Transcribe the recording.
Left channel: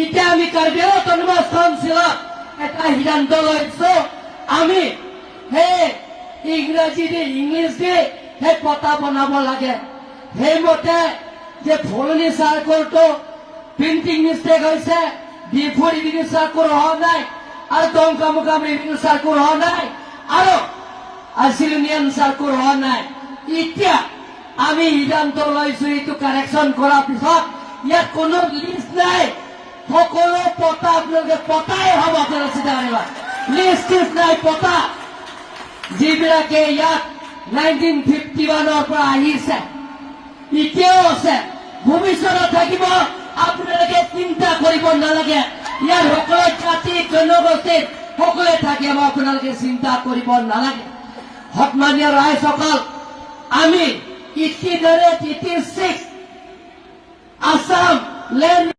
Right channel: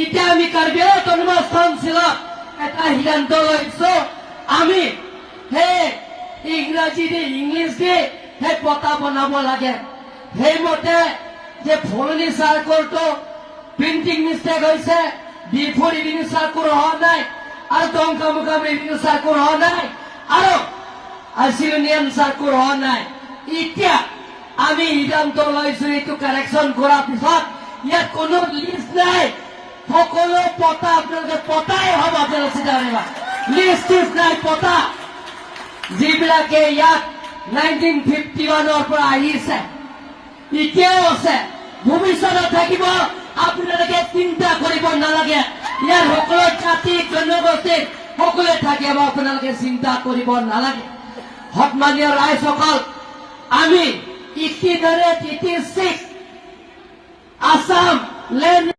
এতিয়া আমি কাৰ্বি অট'নমাছ কাউন্সিলত এটা সিদ্ধান্ত লৈছো আমি সেই ইংৰাজী দি ইংলিছ দি সেই পতা বনাব লাগে সেইমতে যে ফলনি চাৰ্কলটো প্ৰিণ্টিং মিষ্টেক হৈছে D4 ৰেভিনিউ চাৰ্কুল হোৱা নাই আৰু দমকামুকাম ৰেভিনিউ চাৰ্কুল হোৱা নাই আৰু ইউনিয়ন চাৰ্কুল হোৱা নাই এতিয়া আমি সিদ্ধান্ত লৈছো এইটো কাৰেকশ্যন কৰাৰ পিছত ইয়াত কোনো লিষ্ট নাই সকলো পতা আপোনালোকে পতাই হ'ব আপোনালোকে চিন্তা কৰিব লিষ্ট নাই পতা যিবিলাকে ইয়াত 1951 পৰা আহিছে এতিয়াও আছে ভৱিষ্যতত থাকিব আপোনালোকে চিন্তা কৰিব নালাগে ইয়াৰ সকলো জাতি জনগোষ্ঠী সকলোৱে থাকিব আপোনালোকে চিন্তা কৰিব নালাগে সন্মানীয় ৰাইজসকল আমি 86 আসাম লেণ্ড